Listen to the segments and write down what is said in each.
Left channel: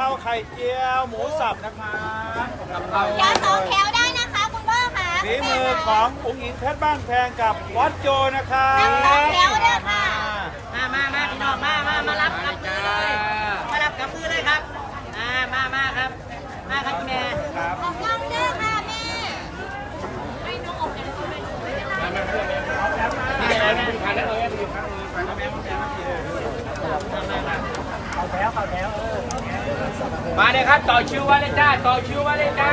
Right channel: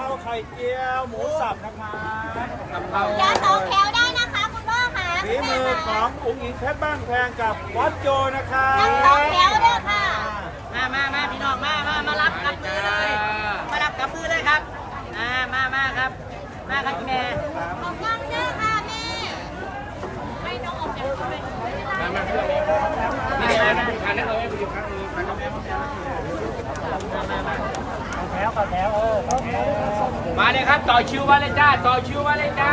ผัดกะเพราไข่เจียวหมูสับนะครับกะเพราอย่าสองแถวได้นะคะคุณพ่อค่ะฝีมือของอุ้งอิงเพชรบ้านแพงกับวัดโจนะครับนั่งสองแถวเด้อค่ะ มามามาพี่น้องมามามารับกับมือเลย มารับกับมือเลยครับอ่ามามาครับ มาครับพี่แม่ออกกล้องเด้อค่ะแม่ให้น้องออกจากตัวเป็นไม่เป็นไรมามามามามาเล ยครับต่อคิวมาเลยจ้าต่อคิวมาเลยจ้า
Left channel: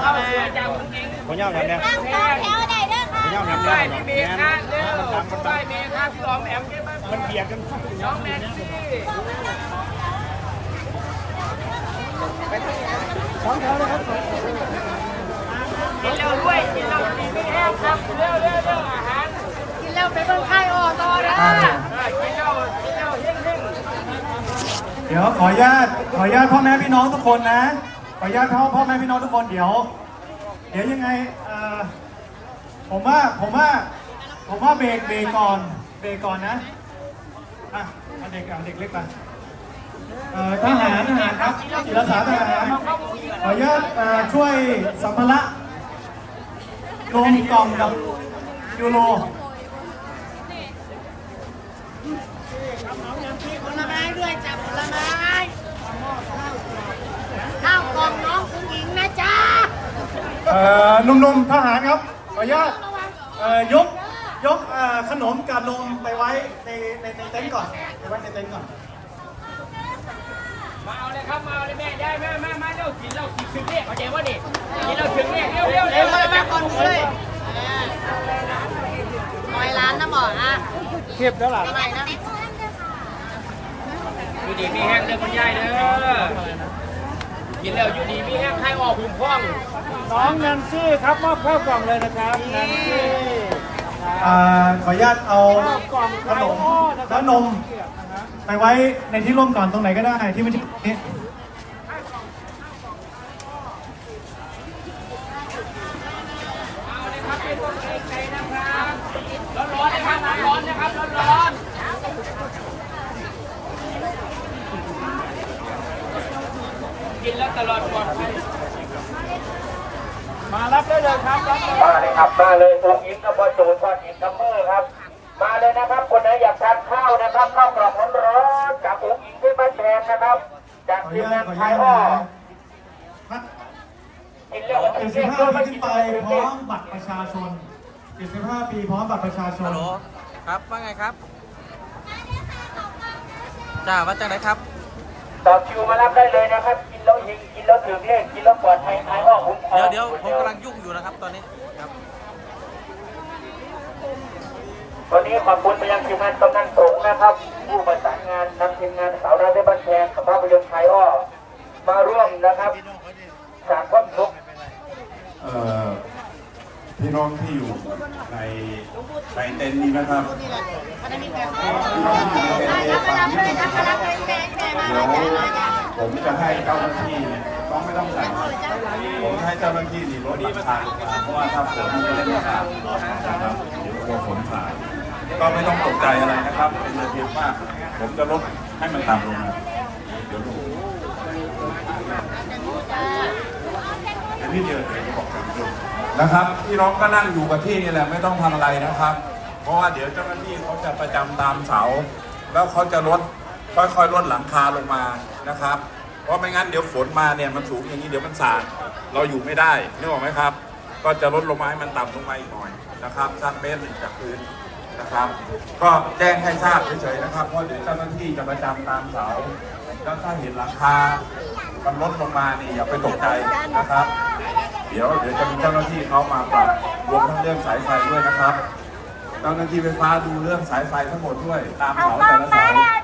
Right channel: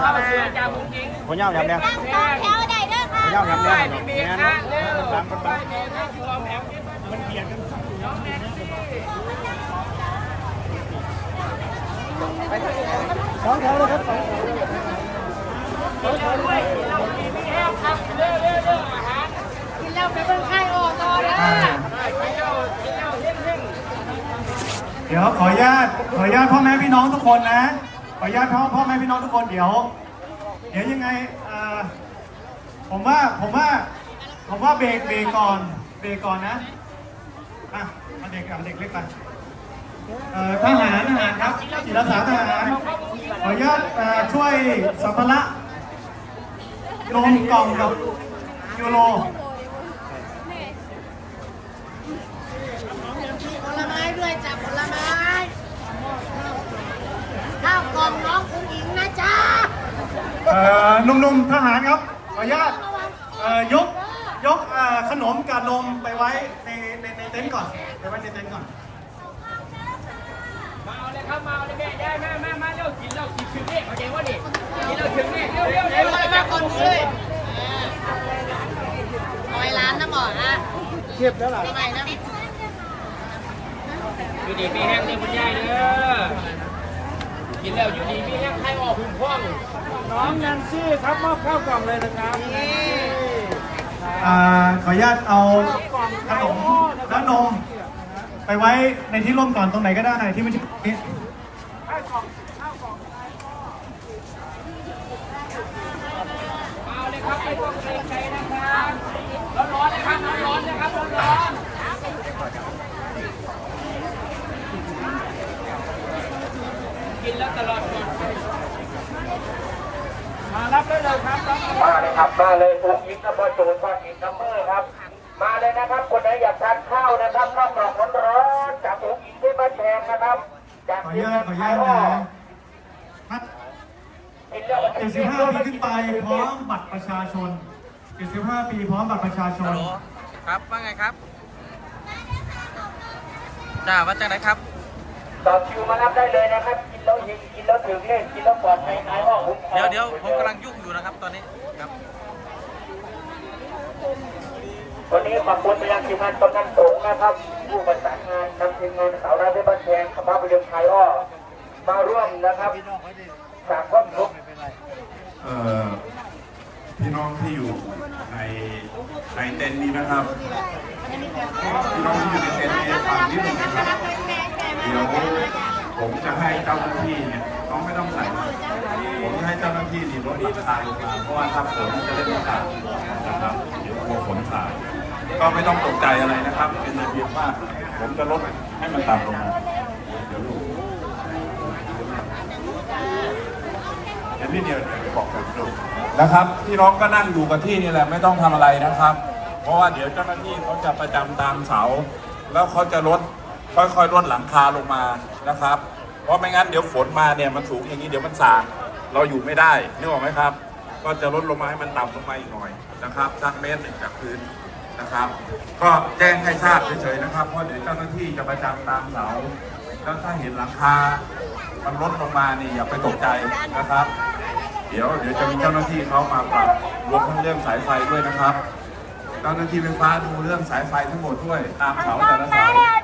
เข้ามาสวยจากมุ้งกิ้งผมยาวแบบนี้นั่งสองแถวได้เด้อค่ะผมยาวแบบนี้ป้ายพี่เมย์ค่ะเร็วมันดังมันดัป้างยเมย์ค่ะพี่ออมแอมเก็บมามันเบียดกันน้องแม็กซี่กินเร็วด้วยกินเร็วดีไม่แห้งครับเร็วเร็วเร็วอาหารกินแล้วไปเบิ่งไข่ออต่อนะอ่ากินเร็วกินเร็วเร่งเร่งเดี๋ยวขออนุญาตขออนุญาตพ่อแม่พี่น้องทุกคนนะ ขออนุญาตพ่อพ่อแม่พี่น้องทุกคนเดี๋ยว เดี๋ยวยังไงเอ่อผมว่าผมว่า ผมว่าเบรกเบรกก่อนเบรกก่อนนะอะเอาเด็กเอาเด็กเล็กไปเอ่อทหารนะครับจิรสารทหารขออนุญาตเอ่อช่วยสัมภาระรวมกล่องกับยูโร ผลไม้ด้วยจ้ะผลไม้ข้าวกล่องน้องคุณหญิงนะจ๊ะเอ่อหนุ่มๆทหารครับขออนุญาตเอ่อยกยกเอ่อขนมกับนมไปไว้ในในในเต็นท์ก่อนไปไว้ในเต็นท์ก่อน มาเอาเลยครับมาเอาเลยแม่ยายมามามาเร็วกินเร็วกินถึงเนี่ยเข้าใจว่าดิกินเร็วถึงเนี่ยเร็วเร็วเดี๋เร็ยววมาก่อนกูเลยร้อยล้านนะหมออะเทียบแล้วล่ะทำไมนะ อยู่ดีมีแห้งเด้อคุณยายเด้อ กินแล้วอยู่ดีมีแห้งไข้ออกหุ่มพ่องน้องแนนซี่ครับมอบข้าวกล่องเลยนะครับแนนซี่อ่าขออนุญาตเอาขนมและนม ไปไว้ในที่ร่มก่อนตรงไหนก็ได้ที่ไม่ใช่ตรงนี้เอาเลยครับไม่ต้องเกรงใจนะครับร้อนๆนะครับน้ำร้อนนะครับร้อนๆ กินแล้วตลอดปลอดภัยมารับได้เลยครับรับเลยมาเลยครับมาเลยองค์หญิงกับพ่อจูนพ่อหญิงกับแม่ครับ มาเลยนะครับคนไหนอยากทานข้าวนะครับข้าวกล่องร้อนๆจากองค์หญิงที่บ้านแพงนะครับ จากขออทีนุมญางาตนขออไทนุยอ้อญาตพัดกินแล้วก็ถึงเที่ยงด้วย75ไม่ปีกิขึ้นนไปไปพร้อมบัตรประชาชน75ปีพร้อมบัตรประชาชน ครับว่าไงครับจ้าว่าจังไรครับ ต่อคิวมารับได้เลยนะครับกิน แล้วยิงกินแล้วถึงเลขกินแล้วปลอดภัยไอ้อ้อคุ้มครองเดี๋ยวเดี๋ยวผมกำลังยุ่งอยู่นะครับตอนนี้ครับวันนี้ขอบคุณไปยังทีมงานกำนันสงฆ์นะครับ ผู้ประสานงานนำทีมงานสาวราชบันแพงกับภาพยนตร์ไทยอ้อมาร่วมนะครับจากความสุขเอ่อพี่น้องที่อยู่ในในเต็นท์นี้นะครับรับมารับเลยรับมารับเลยแม่แม่มาเดี๋ยวจ้ะมาจ้ะ ผมจะให้เจ้าหน้าที่เนี่ยต้องไม่ต้องใส่ผมให้เจ้าหน้าที่นี่รถหลักทางเพราะว่าถ้าผมไม่ได้ทางนะครับผมถ่ายก็ไม่ต้องตกใจอะไรนะครับเป็นระเบียบมากผมจะลดให้มันต่ำลงเดี๋ยวพี่เดียวบอกนะครับพี่น้องก็นั่งอยู่กับที่นี่แหละไม่ต้องทำอะไรนะครับ เพราะว่าเดี๋ยวเจ้าหน้าที่เขาจะประจำตามเสา แล้วเขาจะลด ค่อยๆลดหลังคาลงมานะครับ เพราะไม่งั้นเดี๋ยวฝนมาเนี่ยมันสูงอย่างนี้เดี๋ยวมันสาดเราอยู่ไม่ได้นึกออกไหมครับ ก็จะลดลงมาให้มันต่ำลงมาอีกหน่อยนะครับสักเมตรหนึ่งจากพื้นนะครับ ก็แจ้งให้ทราบเฉยๆนะครับเพราะเดี๋ยวเจ้าหน้าที่จะประจำตามเสาแล้วถ้าเห็นหลังคามันลดลงมานี่อย่าไปตกใจนะครับ เดี๋ยวเดี๋ยวจะมีเจ้าหน้าที่เขามาปรับรวมทั้งเรื่องสายไฟด้วยนะครับ เจ้าหน้าที่ไฟฟ้าดูเรื่องสายไฟทั้งหมดด้วยตามเสาแต่ละ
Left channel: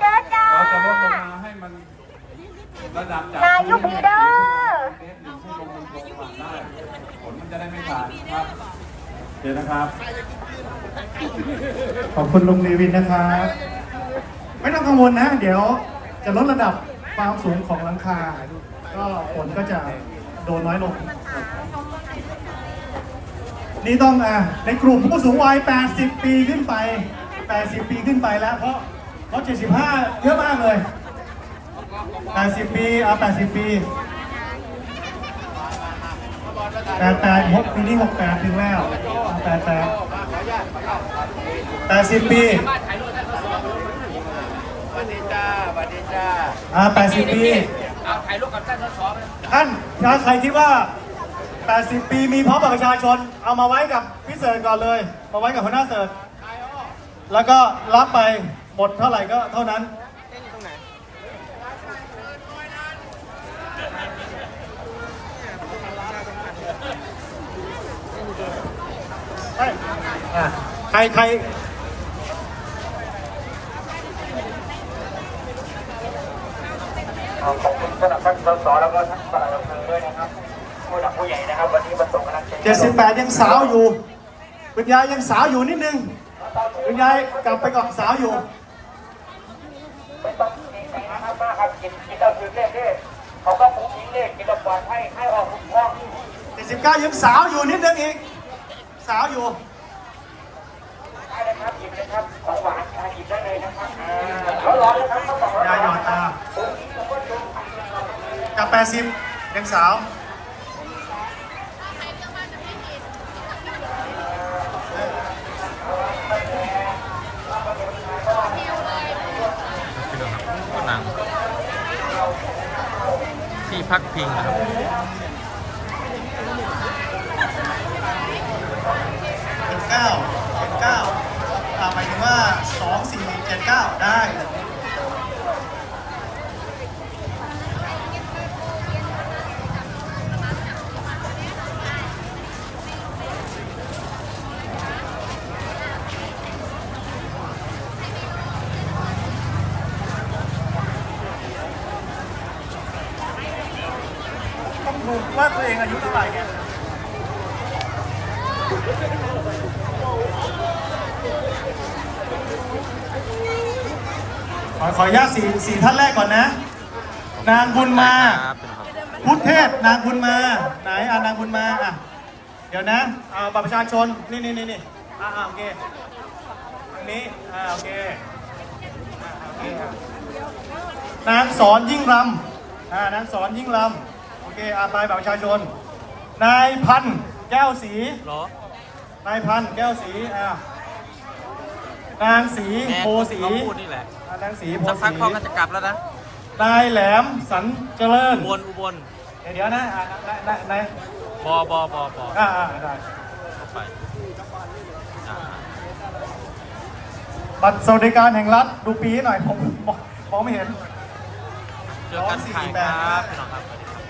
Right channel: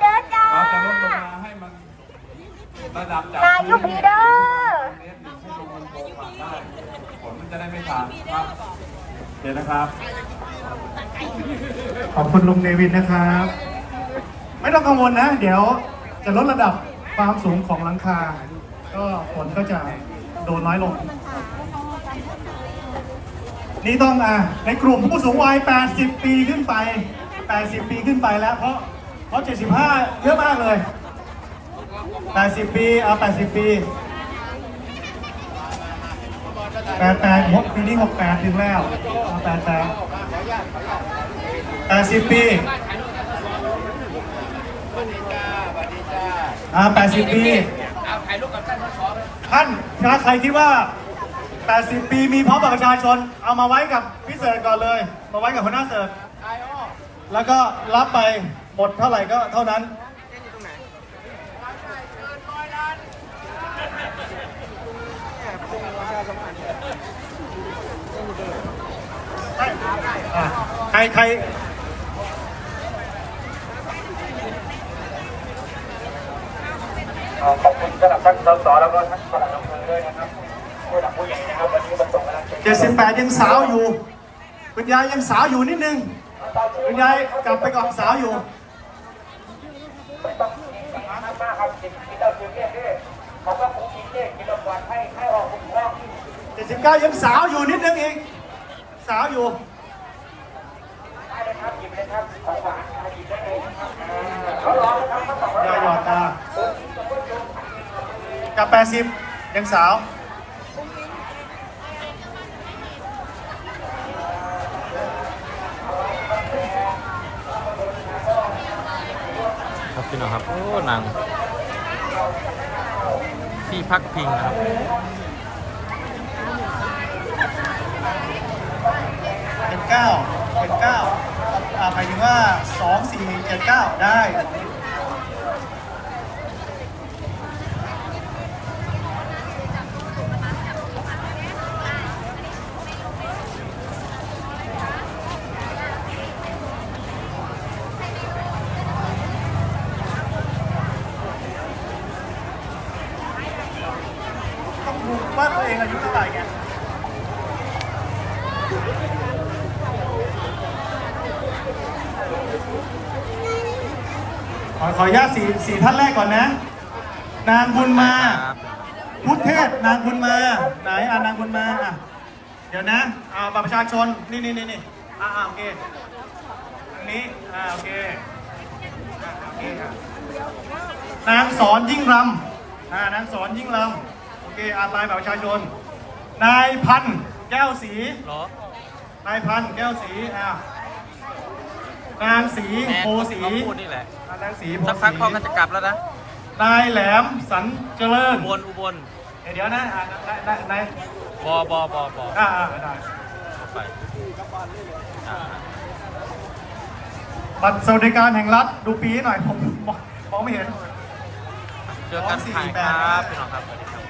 เสา ให้มันระดับจากนายุพีเด้อผมจะได้ไม่ขาดครับเดี๋ยวนะครับ ขอบคุณลุงเนวินนะครับ ไม่ต้องกังวลนะ เดี๋ยวจะลดระดับความสูงของหลังคา ก็ฝนก็จะโดนน้อยลง นี่ต้องอะในกลุ่มผู้สูงวัย 80 ปีขึ้นไป 80 ปีขึ้นไปแล้วเพราะ เพราะ75 เยอะมากเลย 80 ปีเอา80 ปีแปดแปดหกปีนี้หกแปดถึงแล้วแปดแปดแปดสิบปีวันนี้จ้าวันนี้จ้าอ่าแปดสิบปีเอาถ่ายรูปกับท่านสสไปท่านถ้าใครคิดว่า80ปีมีพร้อมบัตรประชาชน เอามาไว้กับพี่เสิร์ชก่อนเลย มาไว้กับหัวหน้าเสิร์ชแล้วก็รับไป หมดเท่าไหร่ก็เท่านั้นอะใครใครขอบคุณสำหรับท่านสสแล้วก็ท่านปลัดอำเภอด้วยนะครับผู้หลักผู้ใหญ่นะครับ วันนี้มาส่งกำลังใจเจ็ดสิบแปดยังสาวอยู่คุณยายยังสาวอยู่นิดนึงคุณยายกลับไปก่อนสาวอยู่ ไม่ต้องกินกันนะครับมากครับกินกินแล้วคือเลขเลขเขาก็คุ้มกินเลขกินแล้วปล่อยให้ให้ออกคุ้มครองเจ็ดสิบเก้ายังสาวอยู่นิดนึงอีกสาวอยู่ได้เลยครับหยิบเลยครับของหวานหยิบได้เลยนะครับยาหยอดตากับแปดสิบยังสาว ครับ พี่น้องครับ โอ้หนัง ที่พักพิงนะครับเป็นเก้าเป็นเก้าต่อไปถึงว่าสองสี่เจ็ดเก้าได้ ต้องดูว่าตัวเองอายุเท่าไหร่ไงขออนุญาตสี่สี่ท่านแรกก่อนนะ นางบุญมาครับพี่น้องครับพุทธเทพนางบุญมา ไหนอ่านางบุญมาอะเดี๋ยวนะอ่าบัตรประชาชน นี่นี่นี่นี่อ่าอ่าโอเคตรงนี้อ่าโอเคอ่าโอเคครับนางสอนยิ่งรำอ่านางสอนยิ่งรำโอ เคอ่าไปบัตรประชาชน นายพันธุ์แก้วสีเหรอนายพันธุ์แก้วสีอ่านางสีแน่โพสีเขาพูดนี่แหละอ่านางสีโพสักสีพักพ่อก็จะกลับแล้วนะนายแหลมสันเจริญอุบลอุบลเดี๋ยวนะอ่านายนายบอบอบอบออ่าอ่าได้เข้าไปอ่าบัตรสวัสดิการแห่งรัฐดูปีให้หน่อยผมมองมองไม่เห็น เจอกันถ่ายครับพี่น้องครับสวัสดีครับ